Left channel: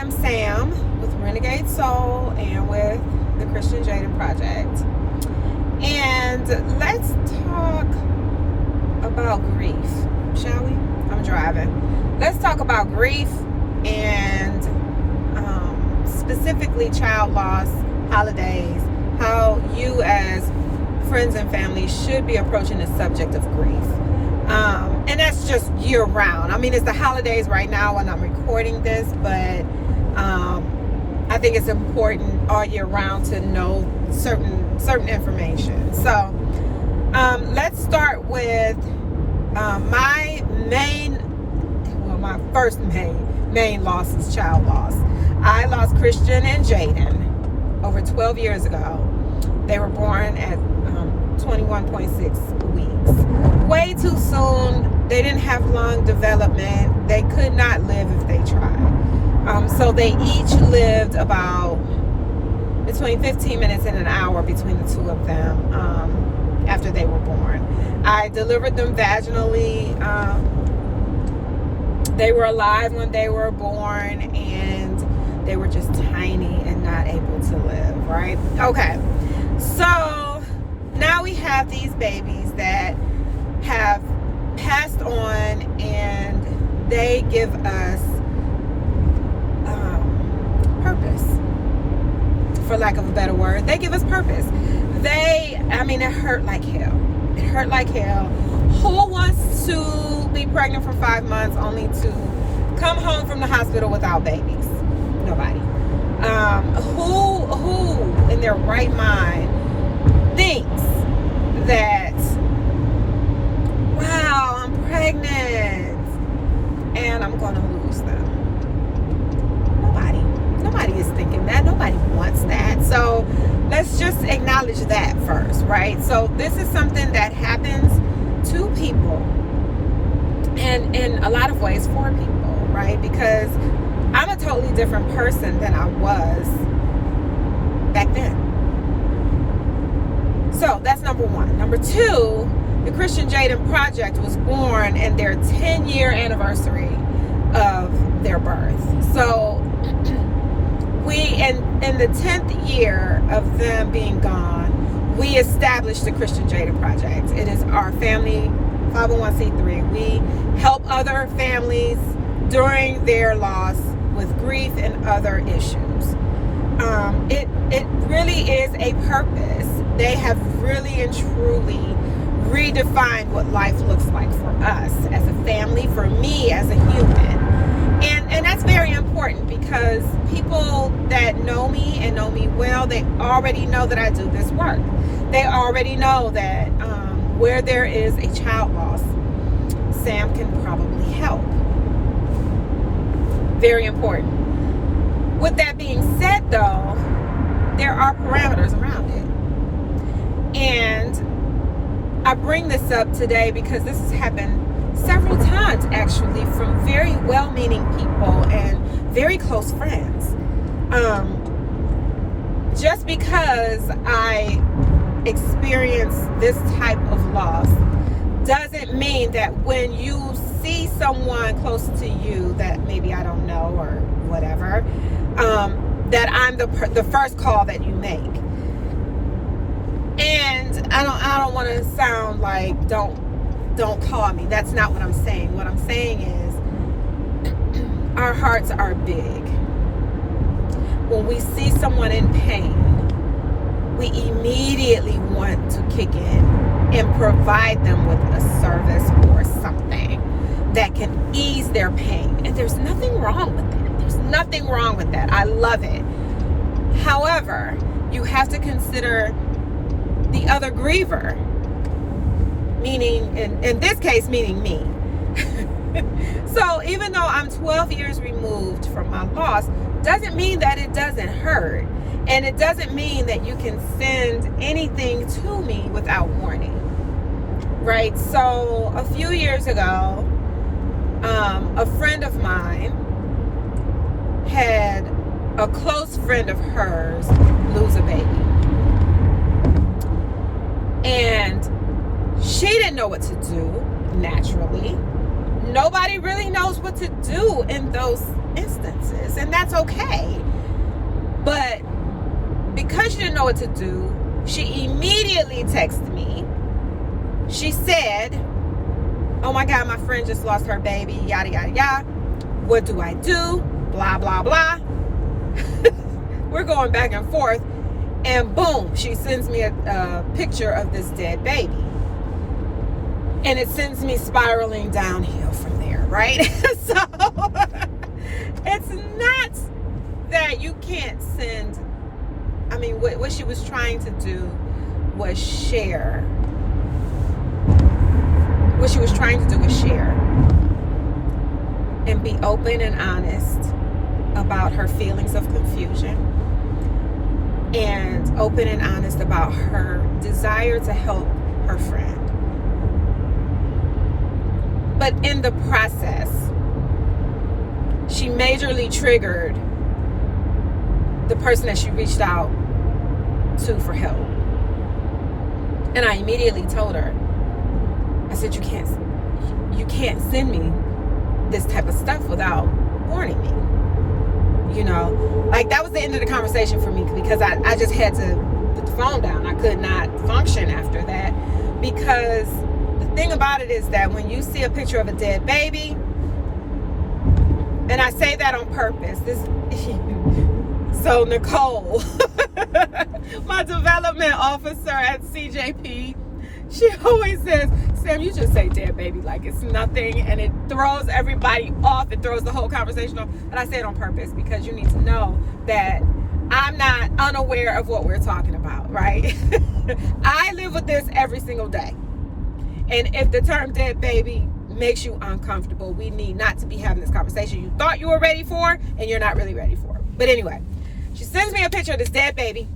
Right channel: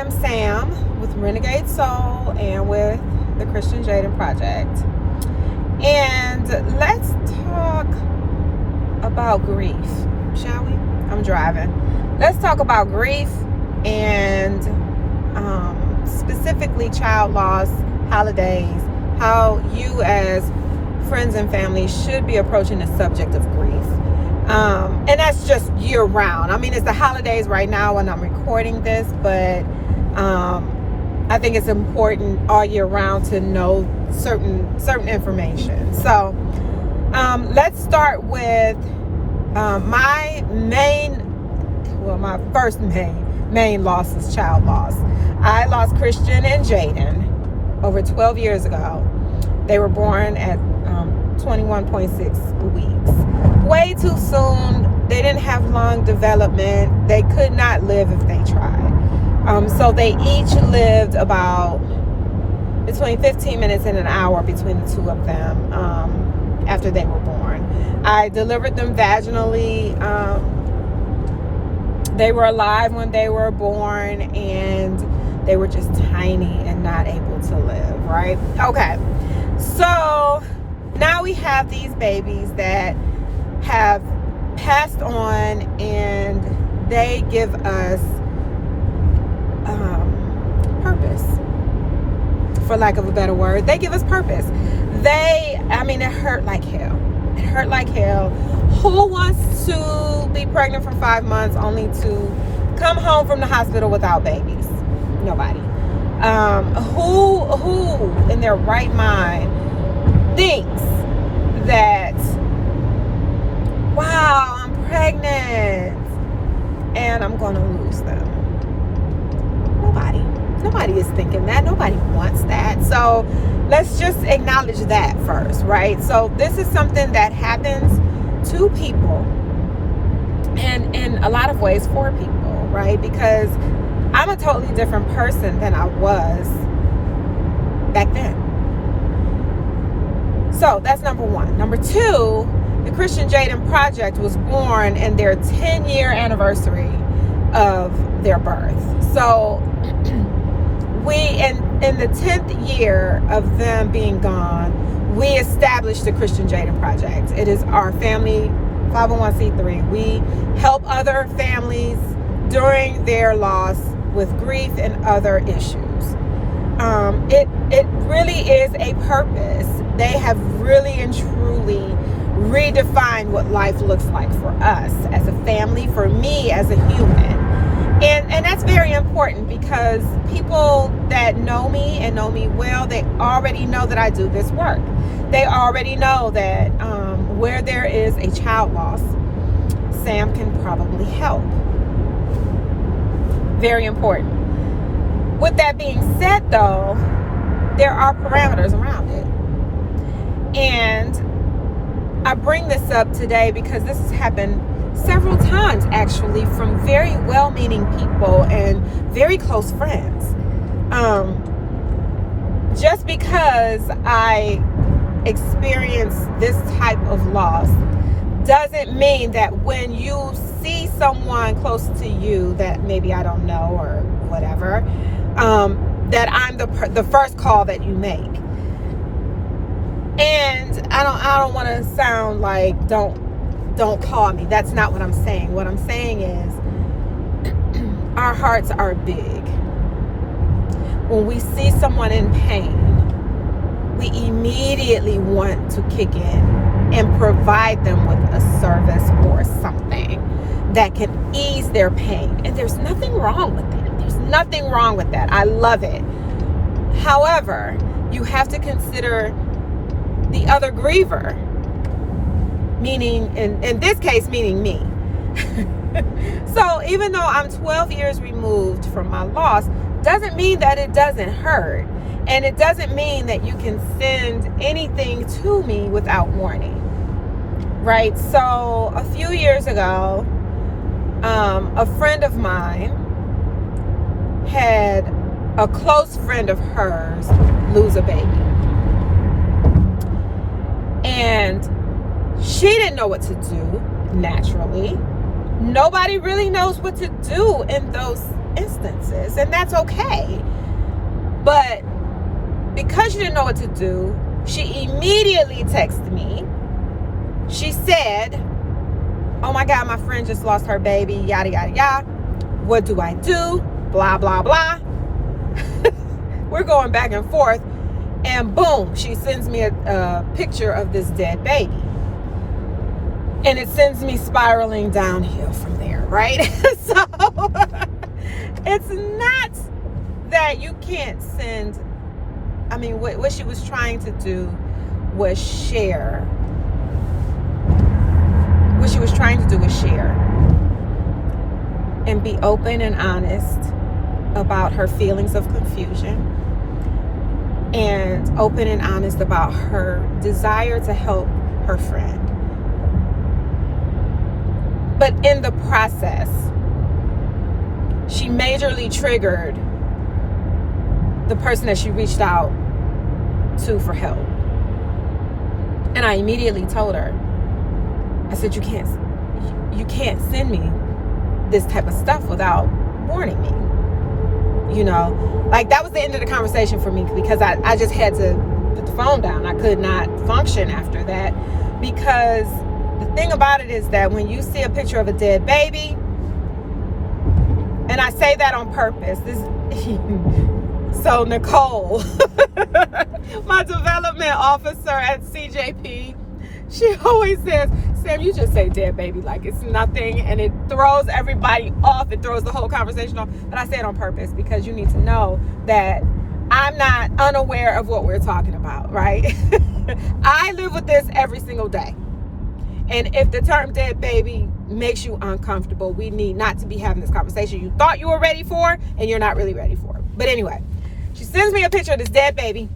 am Sam with Renegade Soul and with the Christian Jaden Project. And let's talk about grief, shall we? I'm driving. Let's talk about grief and specifically child loss, holidays, how you as friends and family should be approaching the subject of grief. And that's just year round. I mean, it's the holidays right now when I'm recording this, but I think it's important all year round to know certain information. So let's start with my first main loss is child loss. I lost Christian and Jaden over 12 years ago. They were born at 21.6 weeks. Way too soon. They didn't have long development. They could not live if they tried. So they each lived about between 15 minutes and an hour between the two of them after they were born. I delivered them vaginally. They were alive when they were born, and they were just tiny and not able to live, right? Okay. So now we have these babies that have passed on, and they give us purpose, for lack of a better word. They give us purpose. It hurt like hell. It hurt like hell. Who wants to be pregnant for 5 months only to come home from the hospital without babies? Nobody. Who in their right mind thinks that, wow, I'm pregnant and I'm going to lose them? Nobody is thinking that. Nobody wants that. So let's just acknowledge that first, right? So this is something that happens to people, and in a lot of ways for people, right? Because I'm a totally different person than I was back then. So that's number one. Number two, the Christian Jaden Project was born in their 10-year anniversary of their birth. So we, in the 10th year of them being gone, we established the Christian Jaden Project. It is our family 501c3. We help other families during their loss with grief and other issues. It really is a purpose. They have really and truly redefined what life looks like for us as a family, for me as a human. And that's very important, because people that know me and know me well, they already know that I do this work. They already know that where there is a child loss, Sam can probably help. Very important. With that being said, though, there are parameters around it. And I bring this up today because this has happened several times, actually, from very well-meaning people and very close friends. Just because I experienced this type of loss doesn't mean that when you see someone close to you that maybe I don't know or whatever, that I'm the first call that you make. And I don't want to sound like don't call me. That's not what I'm saying. What I'm saying is our hearts are big. When we see someone in pain, we immediately want to kick in and provide them with a service or something that can ease their pain. And there's nothing wrong with that. There's nothing wrong with that. I love it. However, you have to consider the other griever. Meaning, in this case, meaning me. So even though I'm 12 years removed from my loss, doesn't mean that it doesn't hurt. And it doesn't mean that you can send anything to me without warning. Right? So a few years ago, a friend of mine had a close friend of hers lose a baby. And she didn't know what to do, naturally. nobody really knows what to do in those instances, and that's okay. But because she didn't know what to do, she immediately texted me. She said, oh my God, my friend just lost her baby, yada, yada, yada. What do I do? Blah, blah, blah. We're going back and forth. And boom, she sends me a picture of this dead baby. And it sends me spiraling downhill from there, right? So it's not that you can't send. I mean, what she was trying to do was share. What she was trying to do was share and be open and honest about her feelings of confusion, and open and honest about her desire to help her friend. But in the process, she majorly triggered the person that she reached out to for help. And I immediately told her, I said, you can't send me this type of stuff without warning me. You know, like that was the end of the conversation for me, because I just had to put the phone down. I could not function after that, because the thing about it is that when you see a picture of a dead baby, and I say that on purpose, so Nicole, my development officer at CJP, she always says, Sam, you just say dead baby like it's nothing, and it throws everybody off. It throws the whole conversation off. And I say it on purpose because you need to know that I'm not unaware of what we're talking about, right? I live with this every single day. And if the term dead baby makes you uncomfortable, we need not to be having this conversation you thought you were ready for, and you're not really ready for it. But anyway, she sends me a picture of this dead baby.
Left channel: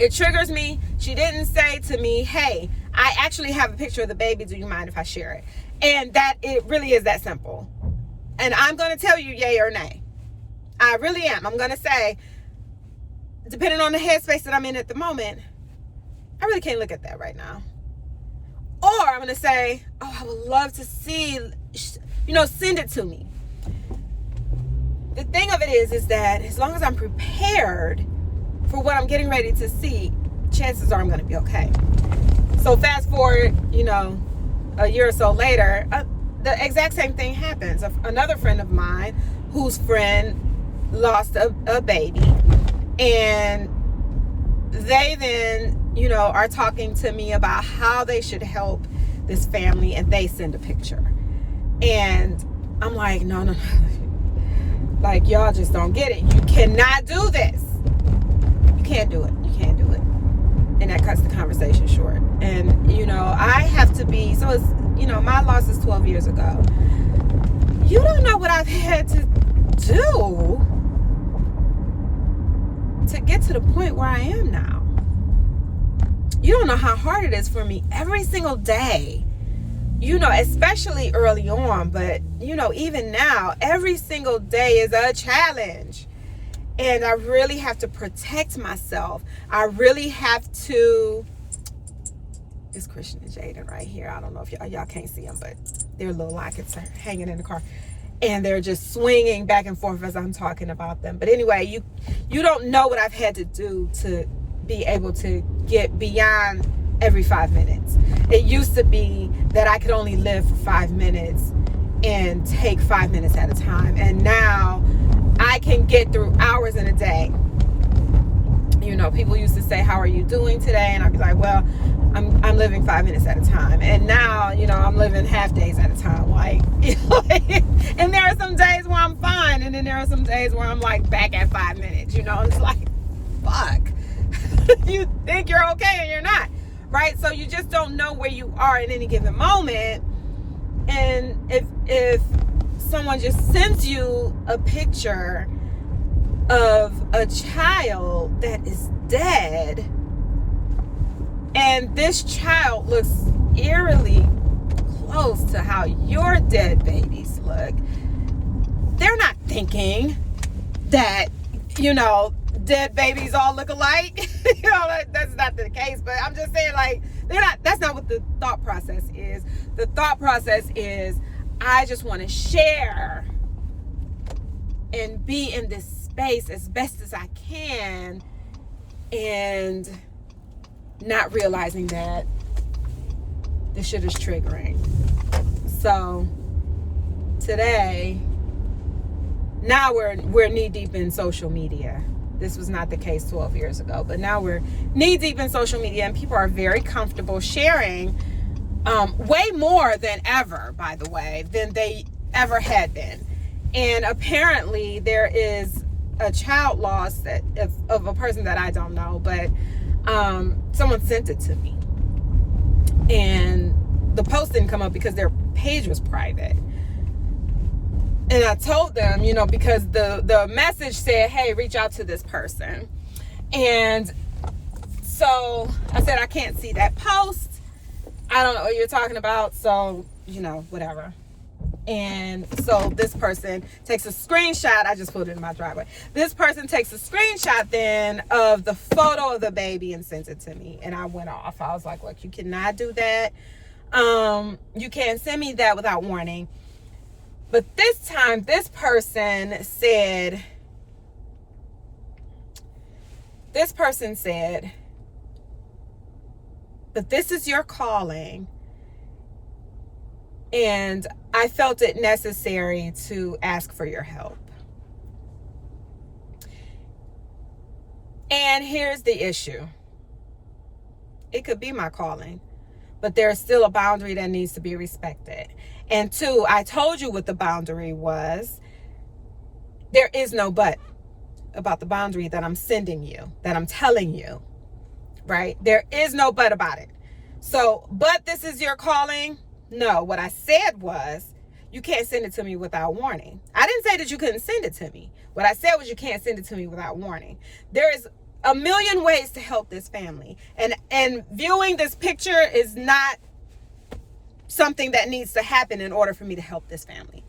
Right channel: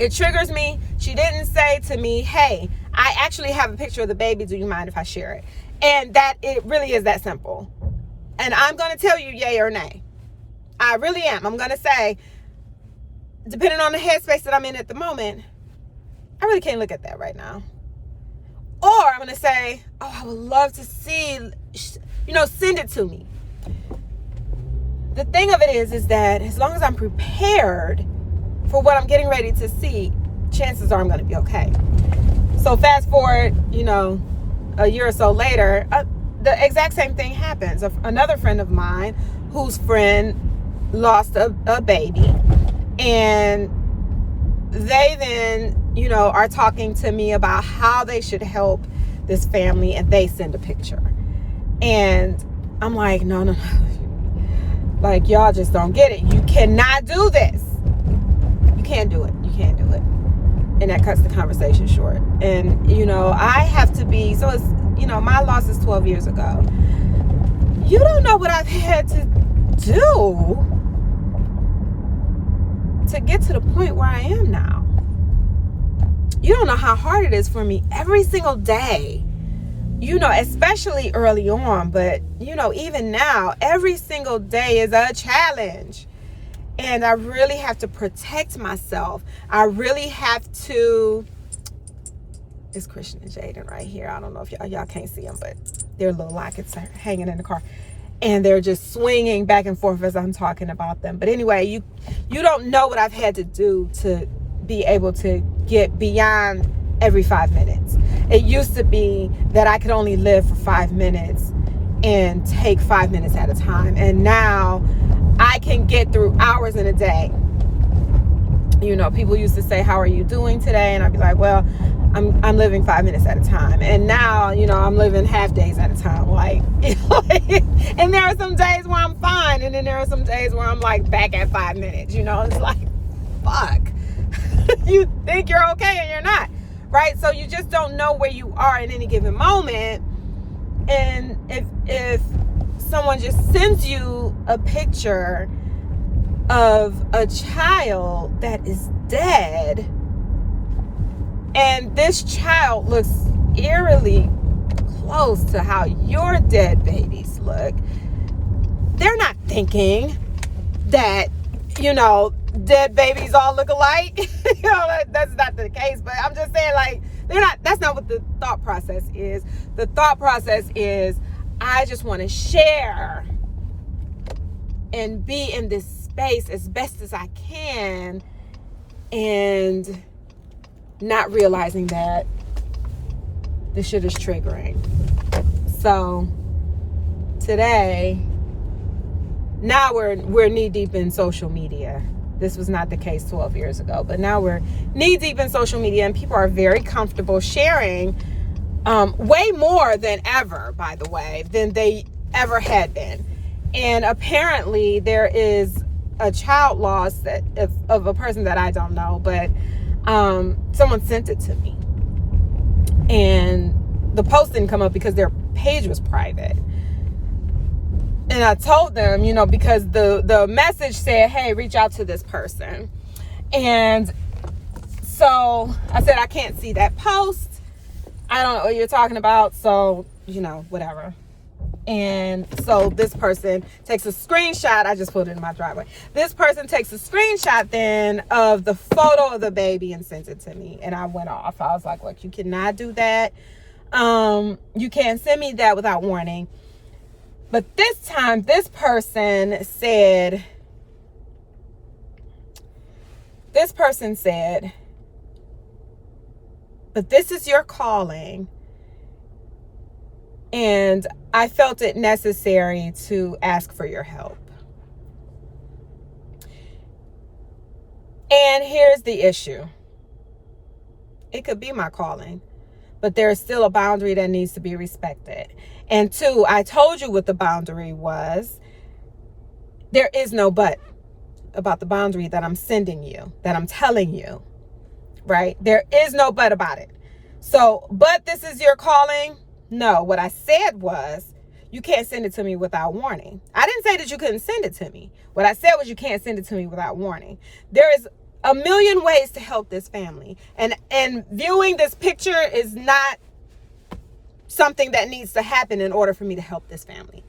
It triggers me. She didn't say to me, hey, I actually have a picture of the baby. Do you mind if I share it? And that it really is that simple. And I'm going to tell you yay or nay. I really am. I'm going to say, depending on the headspace that I'm in at the moment, I really can't look at that right now. Or I'm going to say, oh, I would love to see, send it to me. The thing of it is that as long as I'm prepared for what I'm getting ready to see, chances are I'm going to be okay. So fast forward, a year or so later, the exact same thing happens. Another friend of mine whose friend lost a baby, and they then, are talking to me about how they should help this family, and they send a picture. And I'm like, no. Like, y'all just don't get it. You cannot do this. You can't do it. You can't do it. And that cuts the conversation short. And, I have to be, so it's, my loss is 12 years ago. You don't know what I've had to do to get to the point where I am now. You don't know how hard it is for me every single day, especially early on, but, even now, every single day is a challenge. And I really have to protect myself. I really have to. It's Christian and Jaden right here. I don't know if y'all can't see them, but their little lockets are hanging in the car. And they're just swinging back and forth as I'm talking about them. But anyway, you don't know what I've had to do to be able to get beyond every 5 minutes. It used to be that I could only live for 5 minutes and take 5 minutes at a time. And now I can get through hours in a day. People used to say, how are you doing today? And I'd be like, well, I'm living 5 minutes at a time. And now, I'm living half days at a time. And there are some days where I'm fine. And then there are some days where I'm like back at 5 minutes. It's like, fuck. You think you're okay and you're not. Right? So you just don't know where you are in any given moment. And if someone just sends you a picture of a child that is dead, and this child looks eerily close to how your dead babies look, they're not thinking that, dead babies all look alike. That's not the case, but I'm just saying, that's not what the thought process is. The thought process is, I just want to share and be in this space as best as I can, and not realizing that this shit is triggering. So today, now we're knee deep in social media. This was not the case 12 years ago, but now we're knee deep in social media, and people are very comfortable sharing way more than ever, by the way, than they ever had been. And apparently there is a child loss of a person that I don't know, but someone sent it to me. And the post didn't come up because their page was private. And I told them, because the message said, hey, reach out to this person. And so I said, I can't see that post. I don't know what you're talking about. So, whatever. And so this person takes a screenshot. I just put it in my driveway. This person takes a screenshot then of the photo of the baby and sends it to me. And I went off. I was like, look, you cannot do that. You can't send me that without warning. But this time, this person said, but this is your calling. And I felt it necessary to ask for your help. And here's the issue. It could be my calling, but there's still a boundary that needs to be respected. And two, I told you what the boundary was. There is no but about the boundary that I'm sending you, that I'm telling you, right? There is no but about it. So, but this is your calling? No, what I said was, you can't send it to me without warning. I didn't say that you couldn't send it to me. What I said was, you can't send it to me without warning. There is a million ways to help this family. And viewing this picture is not something that needs to happen in order for me to help this family.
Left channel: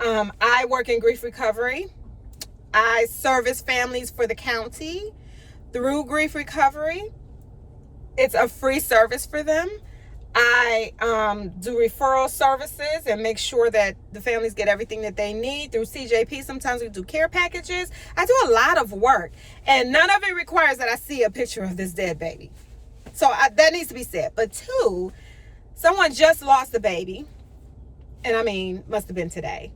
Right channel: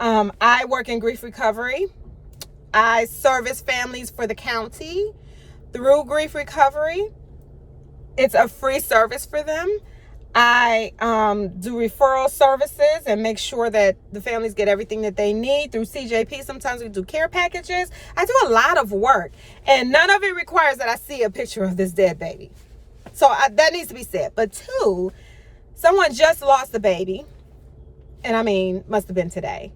I work in grief recovery. I service families for the county through grief recovery. It's a free service for them. I do referral services and make sure that the families get everything that they need through CJP. Sometimes we do care packages. I do a lot of work, and none of it requires that I see a picture of this dead baby. So that needs to be said. But two, someone just lost a baby, and I mean, must have been today.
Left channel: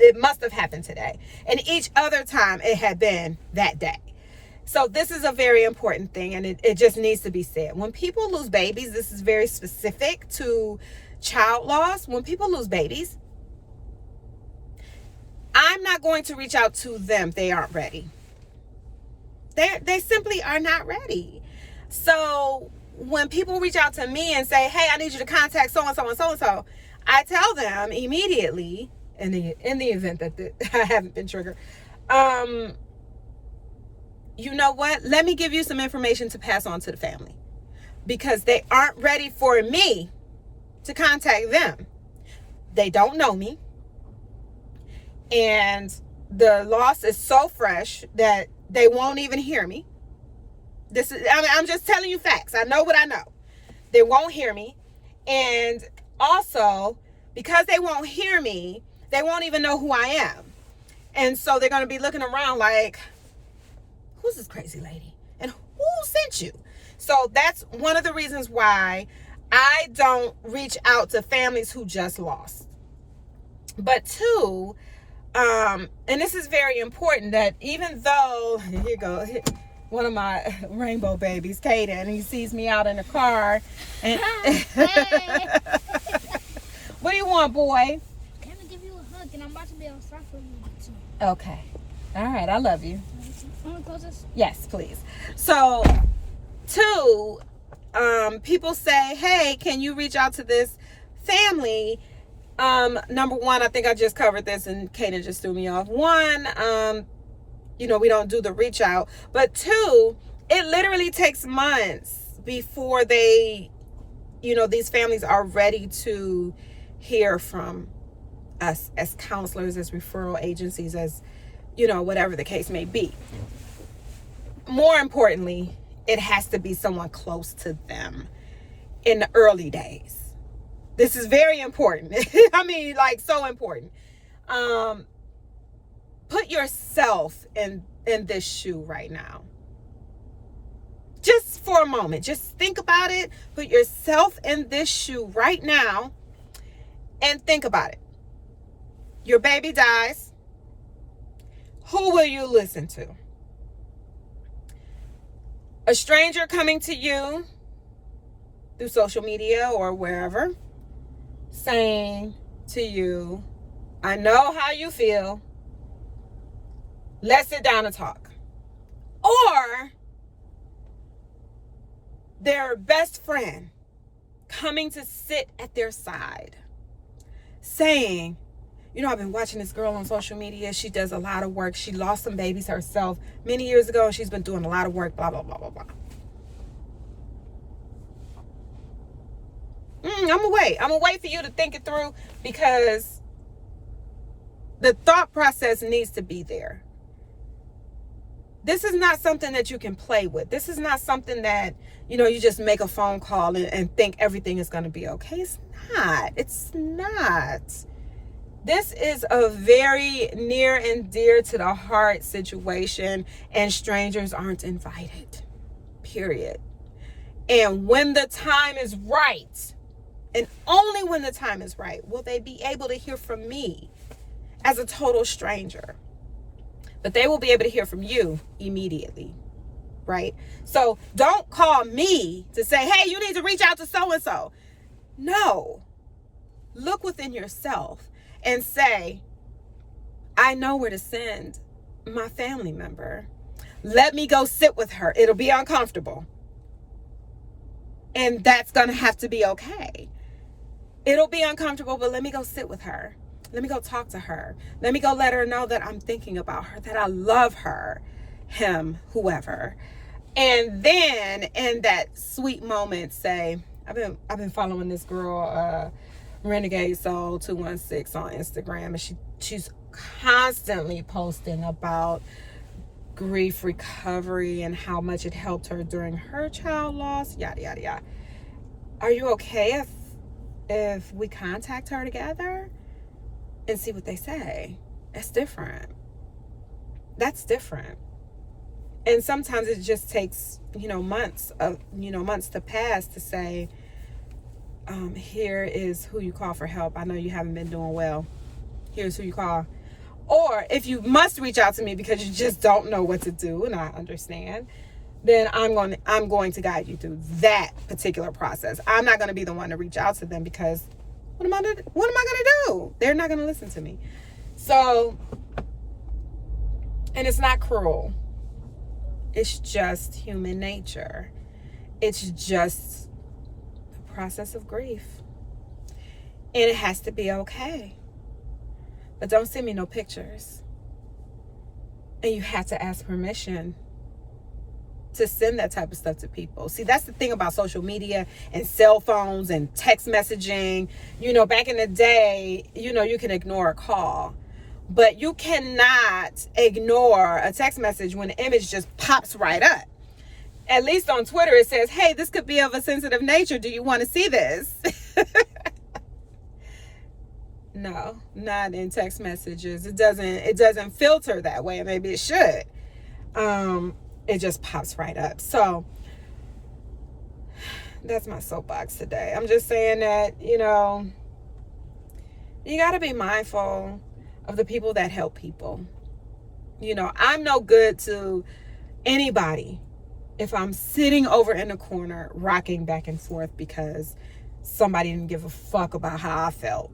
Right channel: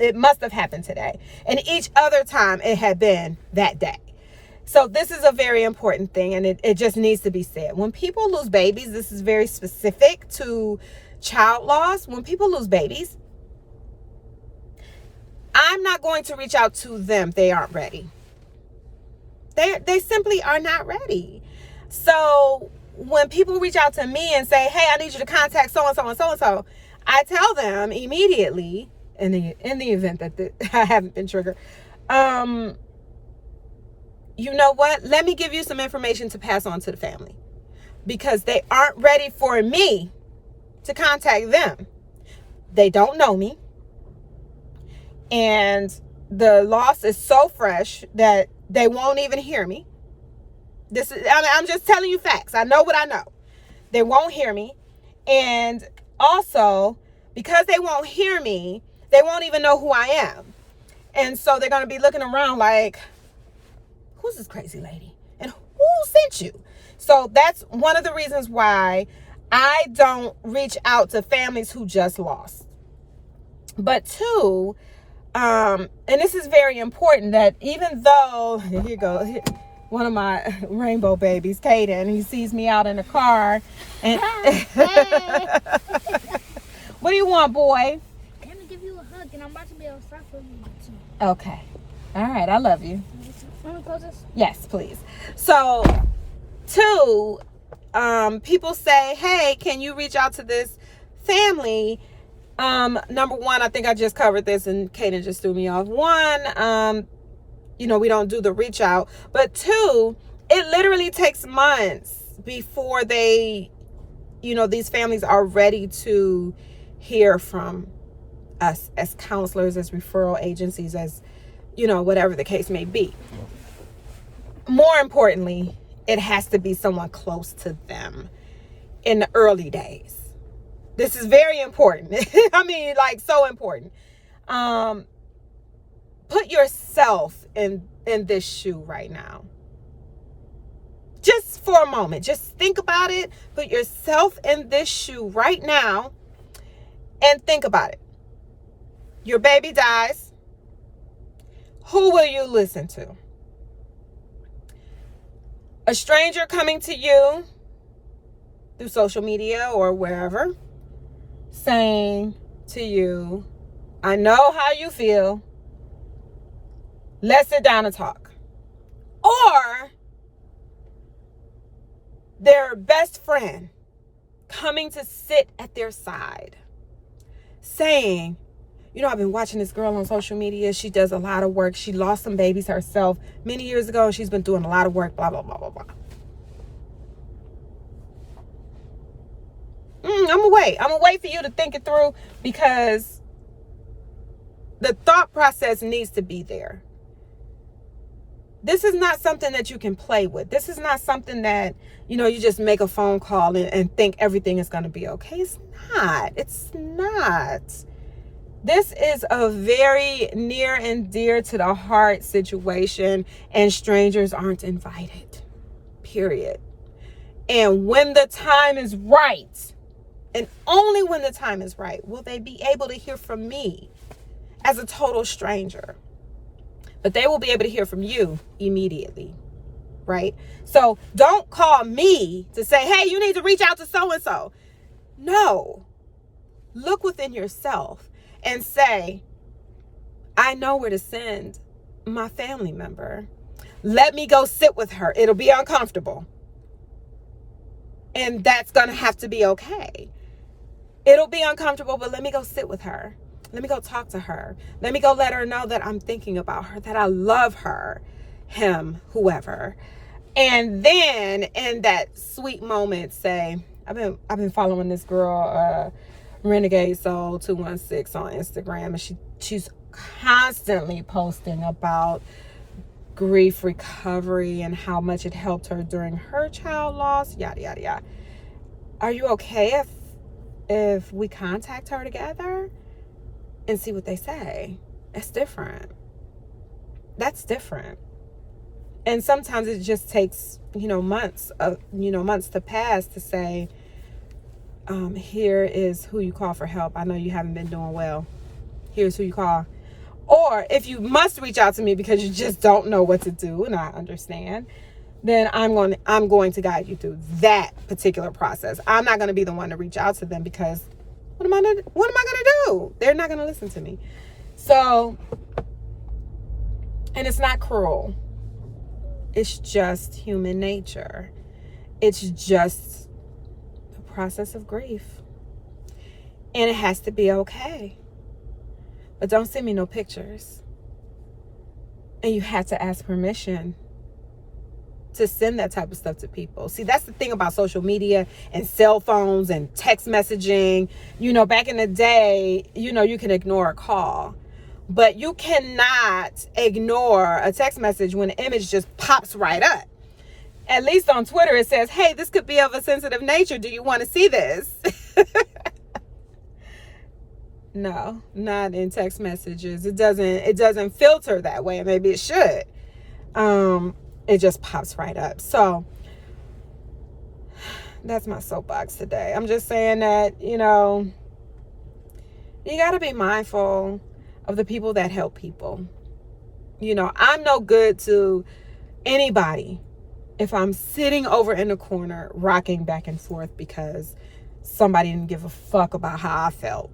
It must have happened today. And each other time it had been that day. So this is a very important thing, and it just needs to be said. When people lose babies, this is very specific to child loss. When people lose babies, I'm not going to reach out to them. They aren't ready. They simply are not ready. So when people reach out to me and say, hey, I need you to contact so-and-so and so-and-so, I tell them immediately, in the event that I haven't been triggered, you know what? Let me give you some information to pass on to the family, because they aren't ready for me to contact them. They don't know me. And the loss is so fresh that they won't even hear me. I'm just telling you facts. I know what I know. They won't hear me. And also, because they won't hear me, they won't even know who I am. And so they're going to be looking around like, who's this crazy lady? And who sent you? So that's one of the reasons why I don't reach out to families who just lost. But two, and this is very important, that even though, here you go, one of my rainbow babies, Kaden, he sees me out in the car. And what do you want, boy? Let me give you a hug, and I'm about to be outside for you too. Okay. All right, I love you. Yes, please. So, two, people say, hey, can you reach out to this family? Number one, I think I just covered this and Kaden just threw me off. One, we don't do the reach out. But two, it literally takes months before these families are ready to hear from us as counselors, as referral agencies, as, whatever the case may be. More importantly, it has to be someone close to them in the early days. This is very important. I mean, like, so important. Put yourself in this shoe right now. Just for a moment. Just think about it. Put yourself in this shoe right now and think about it. Your baby dies. Who will you listen to? A stranger coming to you through social media or wherever, saying to you, I know how you feel. Let's sit down and talk. Or their best friend coming to sit at their side, saying, you know, I've been watching this girl on social media. She does a lot of work. She lost some babies herself many years ago. She's been doing a lot of work, blah, blah, blah, blah, blah. I'm gonna wait. I'm gonna wait for you to think it through, because the thought process needs to be there. This is not something that you can play with. This is not something that, you know, you just make a phone call and think everything is going to be okay. It's not. It's not. This is a very near and dear to the heart situation, and strangers aren't invited. Period. And when the time is right, and only when the time is right, will they be able to hear from me as a total stranger. But they will be able to hear from you immediately, right? So don't call me to say, hey, you need to reach out to so-and-so. No. Look within yourself and say, I know where to send my family member. Let me go sit with her. It'll be uncomfortable. And that's going to have to be okay. It'll be uncomfortable, but let me go sit with her. Let me go talk to her. Let me go let her know that I'm thinking about her, that I love her, him, whoever. And then in that sweet moment, say, I've been following this girl, Renegade Soul 216 on Instagram, and she's constantly posting about grief recovery and how much it helped her during her child loss, yada yada yada. Are you okay if we contact her together and see what they say? It's different. That's different. And sometimes it just takes, months to pass to say, here is who you call for help. I know you haven't been doing well. Here's who you call. Or if you must reach out to me because you just don't know what to do, and I understand, then I'm going to guide you through that particular process. I'm not going to be the one to reach out to them, because what am I going to do? They're not going to listen to me. So, and it's not cruel. It's just human nature. It's just the process of grief. And it has to be okay. But don't send me no pictures. And you have to ask permission to send that type of stuff to people. See, that's the thing about social media and cell phones and text messaging. Back in the day, you can ignore a call. But you cannot ignore a text message when the image just pops right up. At least on Twitter, it says, hey, this could be of a sensitive nature. Do you want to see this? No, not in text messages. It doesn't filter that way. Maybe it should. It just pops right up. So that's my soapbox today. I'm just saying that, you got to be mindful of the people that help people. I'm no good to anybody if I'm sitting over in the corner rocking back and forth because somebody didn't give a fuck about how I felt.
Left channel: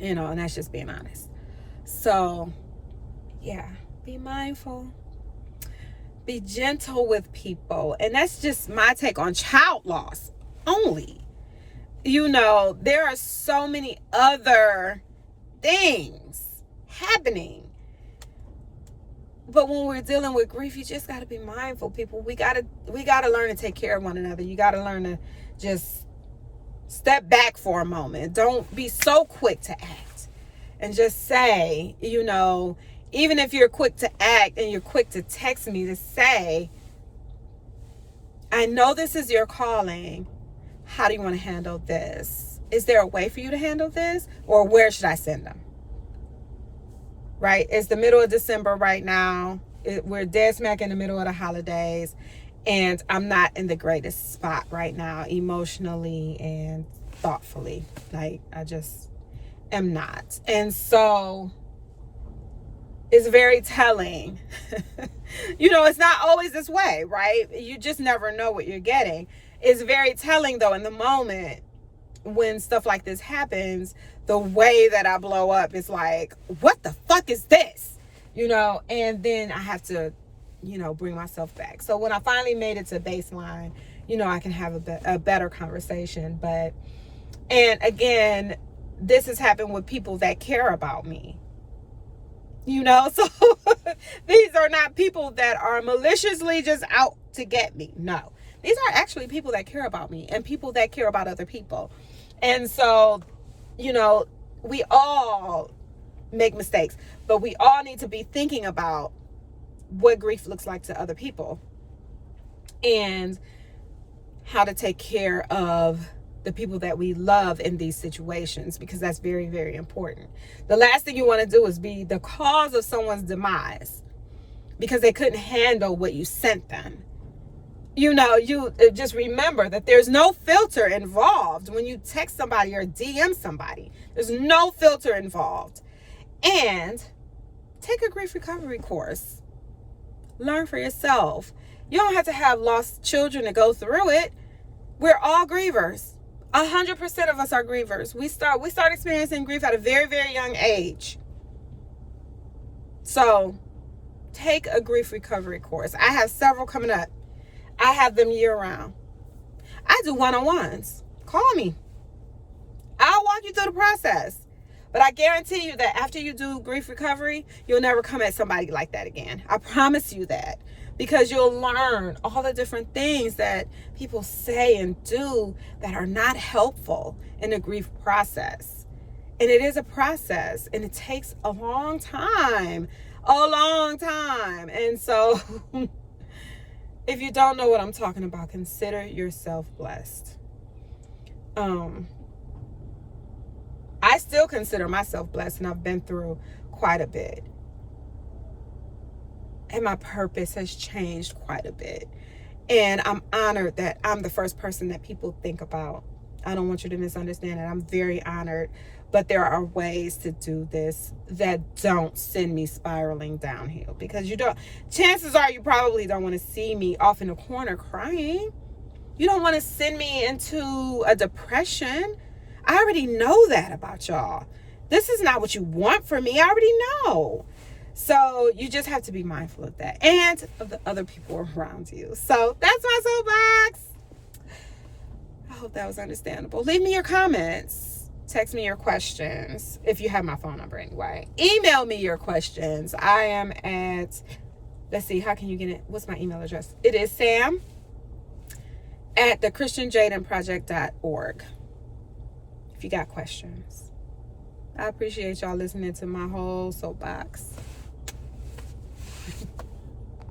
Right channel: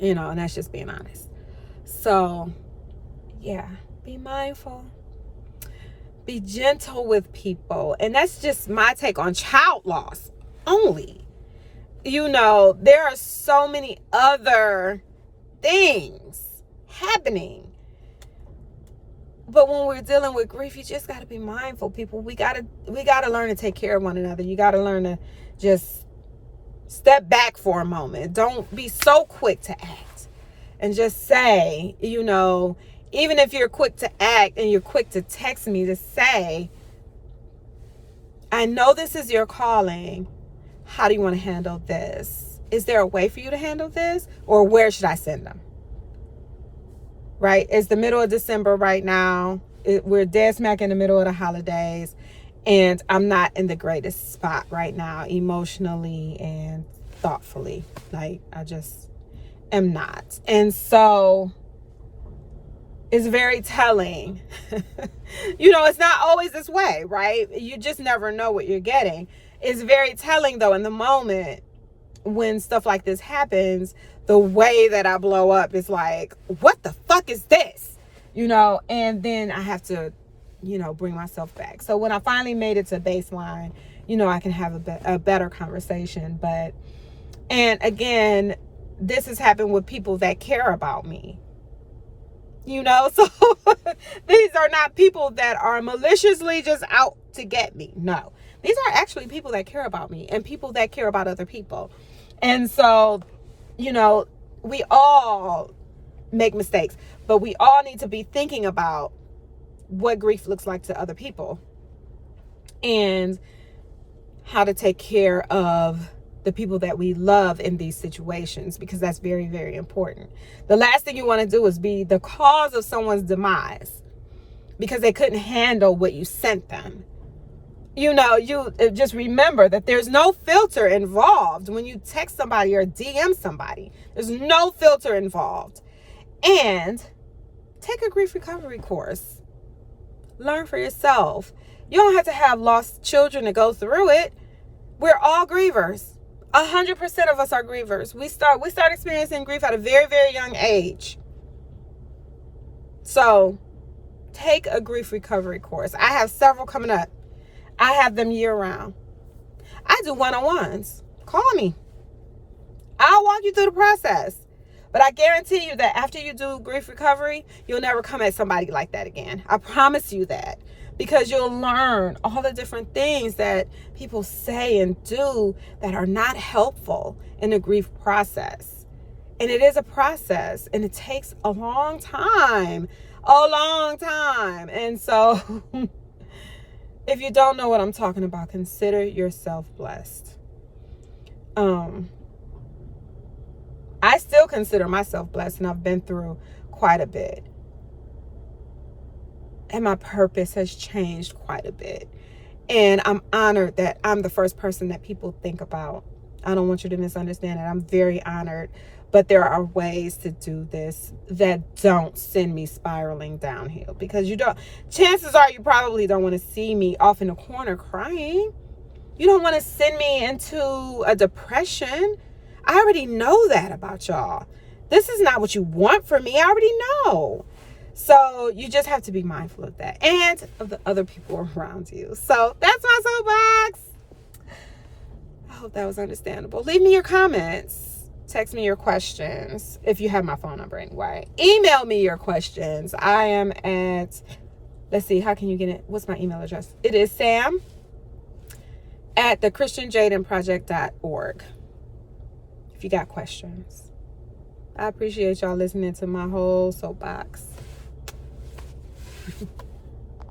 And that's just being honest. So, yeah, be mindful. Be gentle with people. And that's just my take on child loss only. There are so many other things happening. But when we're dealing with grief, you just got to be mindful, people. We got to learn to take care of one another. You got to learn to just step back for a moment. Don't be so quick to act. And just say, even if you're quick to act and you're quick to text me to say, I know this is your calling, how do you want to handle this? Is there a way for you to handle this? Or where should I send them? Right? It's the middle of December right now. We're dead smack in the middle of the holidays. And I'm not in the greatest spot right now, emotionally and thoughtfully. Like, I just am not. And so it's very telling. It's not always this way, right? You just never know what you're getting. It's very telling, though, in the moment when stuff like this happens, the way that I blow up is like, what the fuck is this? And then I have to, bring myself back. So when I finally made it to baseline, I can have a better conversation. And again, this has happened with people that care about me. So these are not people that are maliciously just out to get me. No, these are actually people that care about me and people that care about other people. And so, we all make mistakes, but we all need to be thinking about what grief looks like to other people and how to take care of the people that we love in these situations, because that's very, very important. The last thing you want to do is be the cause of someone's demise because they couldn't handle what you sent them. You just remember that there's no filter involved when you text somebody or DM somebody. There's no filter involved. And take a grief recovery course. Learn for yourself. You don't have to have lost children to go through it. We're all grievers. 100% of us are grievers. We start experiencing grief at a very, very young age. So take a grief recovery course. I have several coming up. I have them year round. I do one-on-ones. Call me. I'll walk you through the process. But I guarantee you that after you do grief recovery, you'll never come at somebody like that again. I promise you that. Because you'll learn all the different things that people say and do that are not helpful in the grief process. And it is a process, and it takes a long time. A long time. And so if you don't know what I'm talking about, consider yourself blessed. I still consider myself blessed, and I've been through quite a bit. And my purpose has changed quite a bit. And I'm honored that I'm the first person that people think about. I don't want you to misunderstand it. I'm very honored. But there are ways to do this that don't send me spiraling downhill. Because chances are you probably don't want to see me off in a corner crying. You don't want to send me into a depression. I already know that about y'all. This is not what you want for me. I already know. So you just have to be mindful of that and of the other people around you. So that's my soapbox. I hope that was understandable. Leave me your comments. Text me your questions if you have my phone number anyway. Email me your questions. I am at, let's see, how can you get it? What's my email address? It is sam@thechristianjadenproject.org. If you got questions. I appreciate y'all listening to my whole soapbox.